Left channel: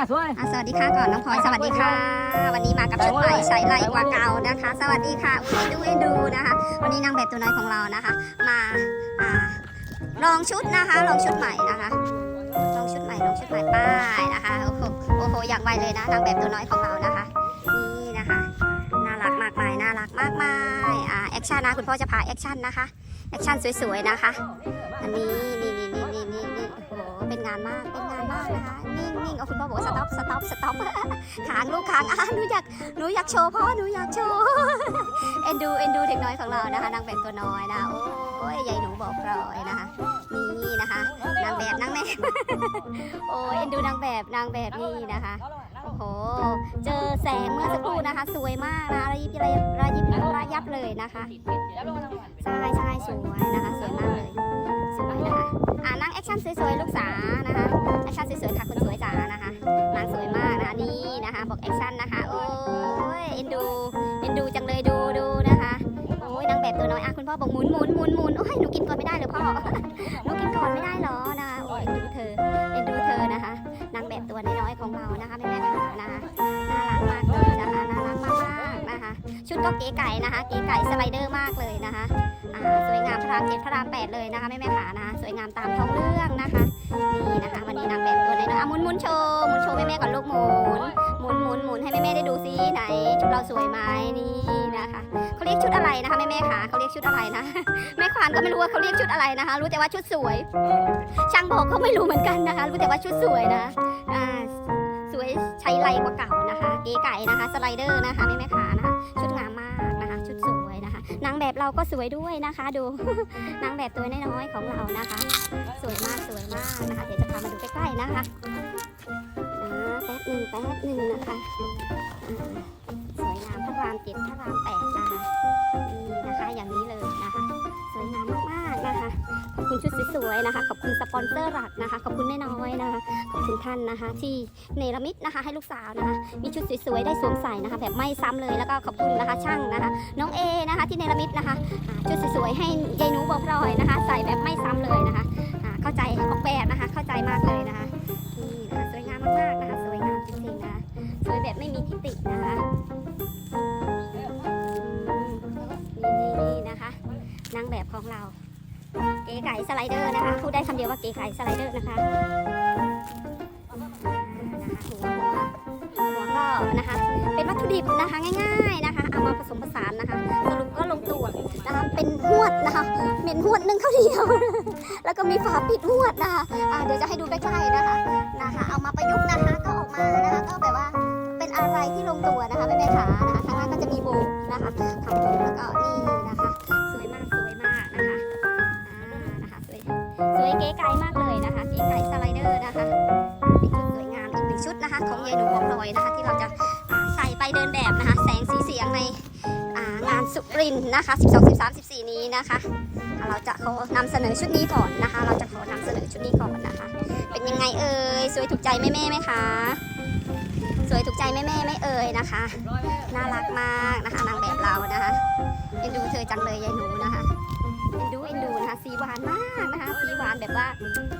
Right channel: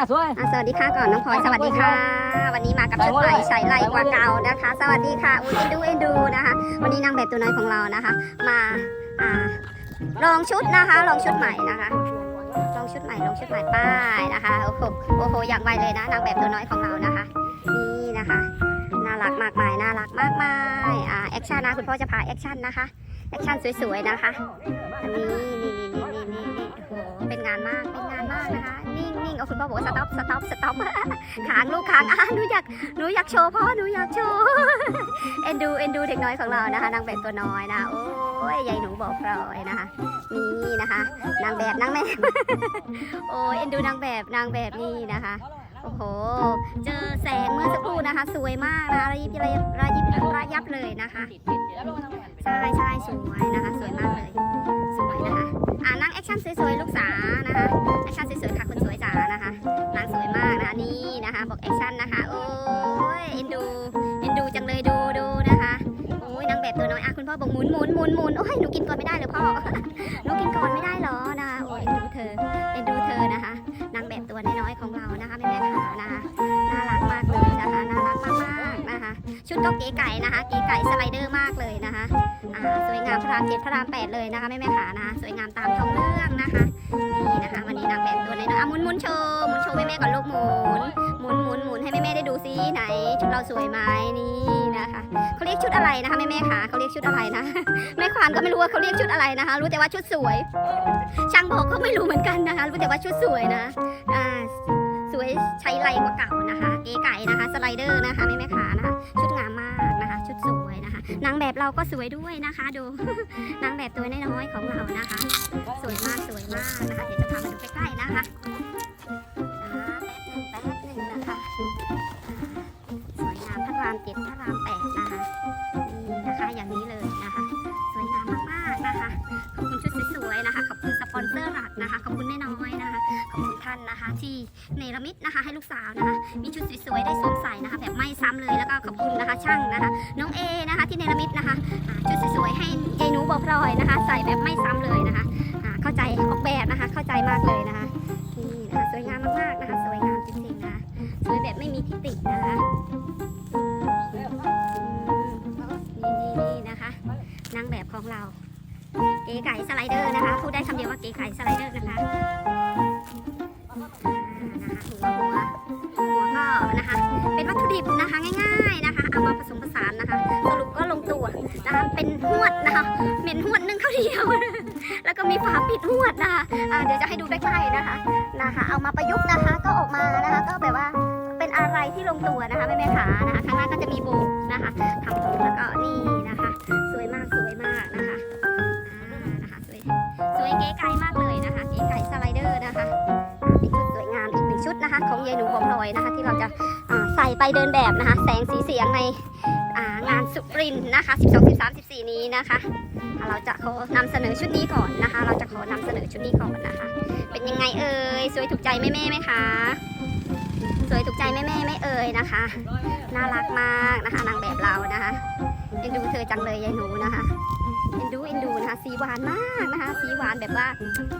ค่ะสวยอะสวัสดีค่ะก่อนน้องพลอยสวัสดีค่ะ วันนี้มากับชุดใหม่ใส่ไหลกว่าเก่านะคะ สวัสดีค่ะอุ้ยดูเอ็นดูนะคะ วันนี้นางแบบตัวน้อยของเรานะคะ มาอ่าลองชุดนะคะ ลองชุดใหม่นะคะลองชุดใหม่ลองชุดใหม่ป้ายนะคะโอ้โหโอ้โหอย่างไวเลยนะนางแบบตัวน้อยของเรานะคะ นี่นะคะ น่ารักมากมายน่ารักมากมายอ่าแอคชั่นนะคุณพ่อจะพาแอคชั่นนะคะแอคชั่นสวยๆนะคะอันนี้นี่นี่นี่นี่นี่โอ้โหเป็นงานมากเป็นงานมากนะคะ เอาคุณพ่อบอกว่าสต็อปสต็อปสต็อปขางลูกขางอะหนูอยากหนูอยากโชว์พ่อหนูอยากโชว์เอ็นดูเอ็นดูเด็กน้อยของเรานะคะนางแบบตัวน้อยนะโอ้ยยายหนูบอกพลอยนะคะนี่นะคะนางแบบนางแบบโอ้ยเอ็นดูนางแบบนางแบบนี่นะคะโอ้โห เจอแสงเมื่อสักครู่นะคะ สวยมากนะระยิบระยับระยิบระยับเลยนะคะใช่ใช่สวยนะคะ สวยมากเลย สวยนะคะ อ่านั่งแอคชั่นสวยๆ ลูกสานะคะ แอคชั่นสวยๆ ค่ะคุณ นี่นะคะบอกแอคชั่นนะคะ โอ้ยเอ็นดูเอ็นดูจังเลยดูดูนะคะโอ้ยนางแบบตัวน้อยอะคุณพ่อบอกหมุนหมุนหมุนหมุนโอ้ยหนูกินก่อนไม่ได้เลยพ่อหนูกินก่อนไม่ได้เหรอนะคะโอ้ยเอ็นดูเธอเอ็นดูเธอนะคะนางแบบตัวน้อยๆของเรานะคะแม่แม่ๆค่ะนะคะน่ารักมากเลยนะคะน่ารักมากๆนะคะ ชุดก็เก๋ไก่นะคะเก๋ไก่สไลเดอร์มากเลยนะคะอ่าสวยงามพระรามเจ็ดพระรามแปดเลยนะคะแม่แม่ขานะคะสวยงามตามท้องเรื่องนะคะ นี่นะคะ วันนี้นางแบบตัวน้อยๆอะหมุนหมุนโชว์หมุนโชว์แม่แม่ก่อนลูกหมุนหมุนหมุนหมุนให้แม่แม่ได้ดูซิไหน ชุดเราสวยไหมนี่นะคะเขาเรียกชุดอะไรนะคะแม่แม่ขาเขาเรียกชุดอะไรนะ แม่ควานก็ไม่รู้ว่าเขาเรียกชุดอะไรนะคะ รู้แต่ว่าชุดสวย ช่างบอกก็ไม่รู้เหมือนกันนะคะ รู้แต่ว่าชุดสวยนะอ่าสวยใช้ไรกว่าเก่านะคะ เก๋ไก่นะคะ สไลเดอร์นะคะแม่แม่ขานะคะ ชุดงาม แบบเราก็สวยด้วยนะคะ ดูนางแบบตัวน้อยๆของเรานะคะ สวยมากสวยมากนะคะเดี๋ยวจะพามาดูใกล้ๆนะคะ เซอร์หลักนะคะ ขอบคุณไม่น้อยนะคะ ขอบคุณท่านนะคะ ที่เนรมิตนะคะ ให้ลูกสาวนะคะ มีชุดสวยๆได้สวมใส่นะคะ แบบไม่ซ้ำเลยแล้วก็ขอบคุณนะคะ ช่างนะคะ น้องเอนะคะ ที่เนรมิตนะคะชุดสวยๆให้ยายหนูบอกพลอยนะคะ ใส่แบบไม่ซ้ำเลยนะคะเข้าใจออกแบบนะคะ เข้าใจมากเลยนะคะนี่นะคะสวยงามมากๆนะคะ สวยงามจริงๆนะสวยแบบไม่มีทิฏฐินะคะนี่นี่นี่นะคะนางแบบของเรา เก๋ไก่สไลเดอร์นะคะพูดได้คำเดียวว่าเก๋ไก่สไลเดอร์นะคะนะคะหัวหัวหัวก็นะคะ เป็นวัตถุดิบนะคะง่ายๆนะคะเอามาผสมผสานนะคะสรุปก็ลงตัวนะคะเป็นหวดนะคะเป็นหวดนึ่งข้าวเหนียว แล้วก็มีฝาปิดหวดนะคะอ่าเดี๋ยวจะให้ดูใกล้ๆนะคะนะคะ เอามาประยุกต์นะคะก็ออกมานะคะ ก็แบบว่าเป็นอะไรที่ลงตัวนะคะแม่ๆขานะคะข้างล่างก็จะมีโบนะคะทำโบกแล้วก็นี่นะคะ สวยมากสวยมาก วยเก๋ไก่มากเลยนะคะเก๋ไก่สไลเดอร์นะคะเป็นชุดสวยงามอีกหนึ่งชุดนะคะ ของยายหนูของพลอยนะคะ ที่เราจะาใส่ไปเดินแบบนะคะ แสงสีเสียงในางานสุรินนะคะ 12 13 14 นี้นะคะ เราจะขอนำเสนอชุดนี้ก่อนนะคะ เราจะขอนำเสนอชุดนี้ก่อนนะคะ เป็นยังไงเอ่ยสวยถูกใจแม่แม่ไหมคะสวยถูกใจแม่แม่ไม่เอ่ยนะคะ น่ารักมากนะคะนางแบบเรานะคะเอ็นดูเธอจังเลยยายหนูนะคะ เอ็นดูเอ็นดูนะคะสีหวานมากนะคะสีหวานแบบว่า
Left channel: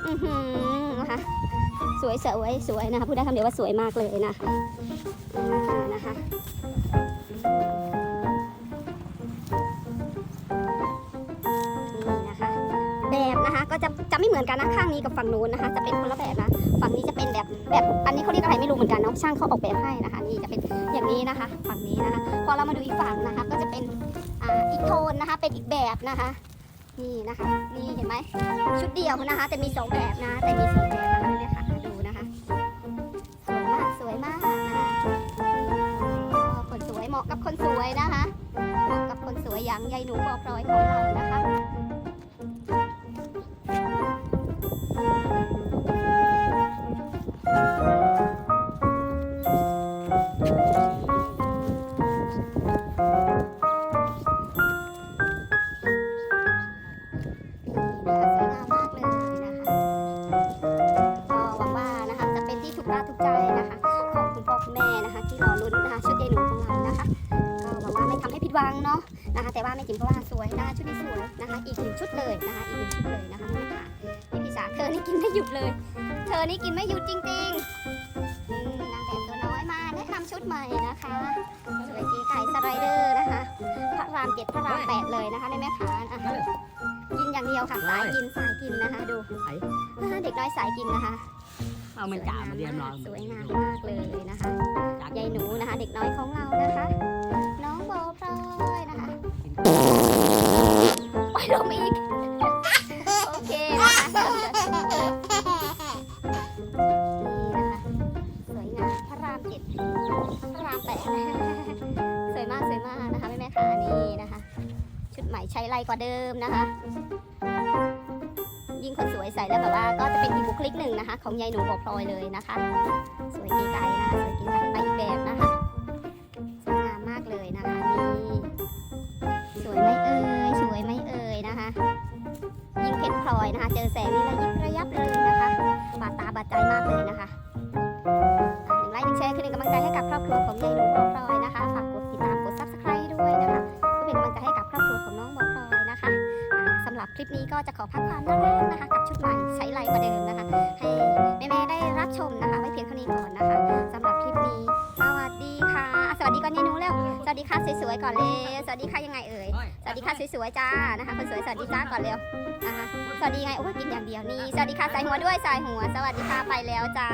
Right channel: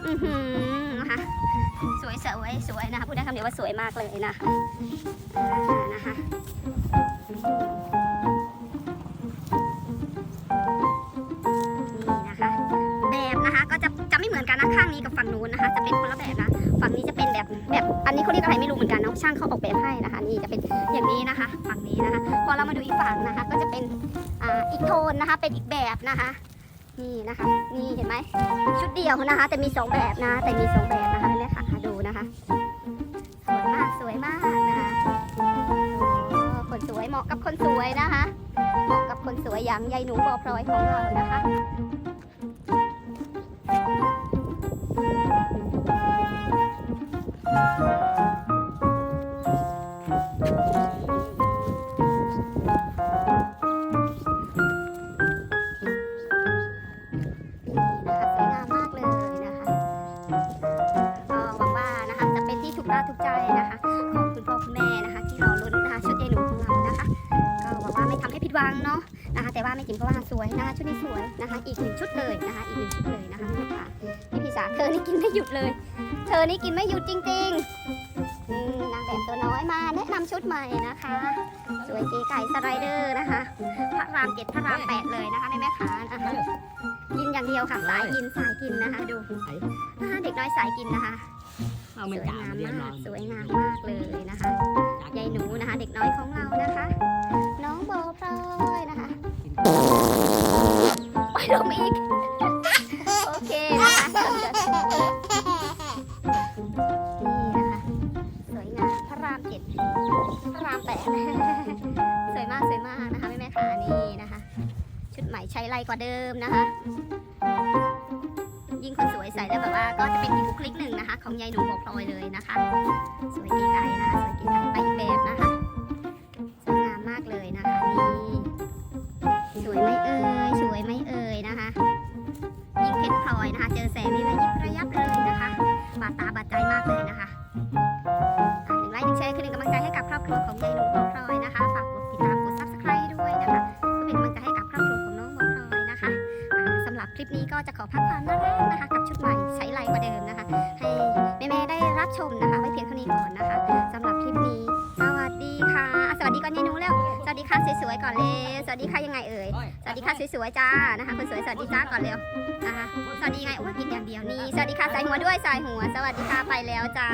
อือหือนะคะสวยสวยสวยนะคะพูดได้คำเดียวว่าสวยมากเลยนะนะคะนี่นะคะ แบบนะคะก็จะจะไม่เหมือนกันนะข้างนี้กับฝั่งนู้นนะคะ จะเป็นคนละแบบนะฝั่งนี้จะเป็นแบบแบบอันนี้เขาเรียกอะไรไม่รู้เหมือนกันเนาะช่างเขาออกแบบให้นะคะ นี่จะเป็นอย่างนี้นะคะ ฝั่งนี้นะคะ พอเรามาดูอีกฝั่งนะคะ ก็จะเป็นอ่าอีกโทนนะคะ เป็นอีกแบบนะคะ นี่นะคะ นี่เห็นไหมชุดเดียวนะคะ แต่มีสองแบบนะ แต่มีสองแบบนะคะแม่ค่ะดูนะคะ สวยมากสวยมากนะคะคนสวยเหมาะกับคนสวยนะคะ เหมาะกับคนสวยอย่างยายหนูบอพลอยของเรานะคะ เป็นที่ถูกตาถูกใจนะคะของคุณพ่อคุณแม่นะคะที่รอลุ้นนะคะชุดยายหนูของเรานะคะ ก็หวังว่าไม่ทำให้ผิดหวังเนาะนะคะ แต่ว่าไม่จิ๋มก็ว่าสวยนะคะชุดนี้สวยนะคะ อีกหนึ่งชุดเลยนะคะ อีกหนึ่งชุดเลยนะคะแม่ค่ะนี่พี่สาเธอนี่กินไม่หยุดเลย เธอนี่กินไม่หยุดจริงๆอืมดใหม่นะคะ สวยเก๋ไก่สไลเดอร์นะคะพระรามเจ็ดพระรามแปดเลยนะคะแม่แม่ขาอะกินอย่างเดียวค่ะสายกินสายกินนะคะ ดูอ่าเด็กน้อยสายกินนะคะ เอามันจ่ามาเรียนนอนสวยงามมากเลยนะคะยายหนูนะคะ เด็กน้อยของเรานะคะ น้องโบพลอยนะคะไปลงอีกโอเคนะคะนี่นะคะสวยงามพระรามเจ็ดพระรามแปดสวยมากสวยมากนะคะแม่แม่ขานี่นะคะ ชุดใหม่ใช้ไรกว่าเดิมนะคะ ยิ่งคนสวยใส่แล้วแบบว่าก็จะเป็นอีกบุคลิกหนึ่งนะคะ ของยายหนูโบพลอยเลยนะคะ สวยกีไก่นะคะสวยกีไก่ไปอีกแบบนะคะสวยงามมากเลยนะคะนี่สวยไหมเอ่ยสวยไหมเอ่ยนะคะ คลิปนี้ก็จะขอพักความน่ารักนะคะ กับชุดใหม่ใช้ไรกว่าเดิมนะคะ ให้แม่ๆได้รับชมนะคะ ไว้เพียงเท่านี้ก่อนนะคะสำหรับคลิปนี้ สวัสดีค่ะ สวัสดีก่อนยายหนูเร็วสวัสดีค่ะสวยๆก่อนเร็วสวัสดีค่ะยังไงเอ่ยสวัสดีค่ะสวยๆจ้านะคะคนสวยสวัสดีจ้าก่อนเร็วนะคะสวัสดีไงโอ้ยกินอย่างเดียวนี่สวัสดีค่ะใส่หัวด้วยใส่หัว สวัสดีค่ะไปแล้วจ้า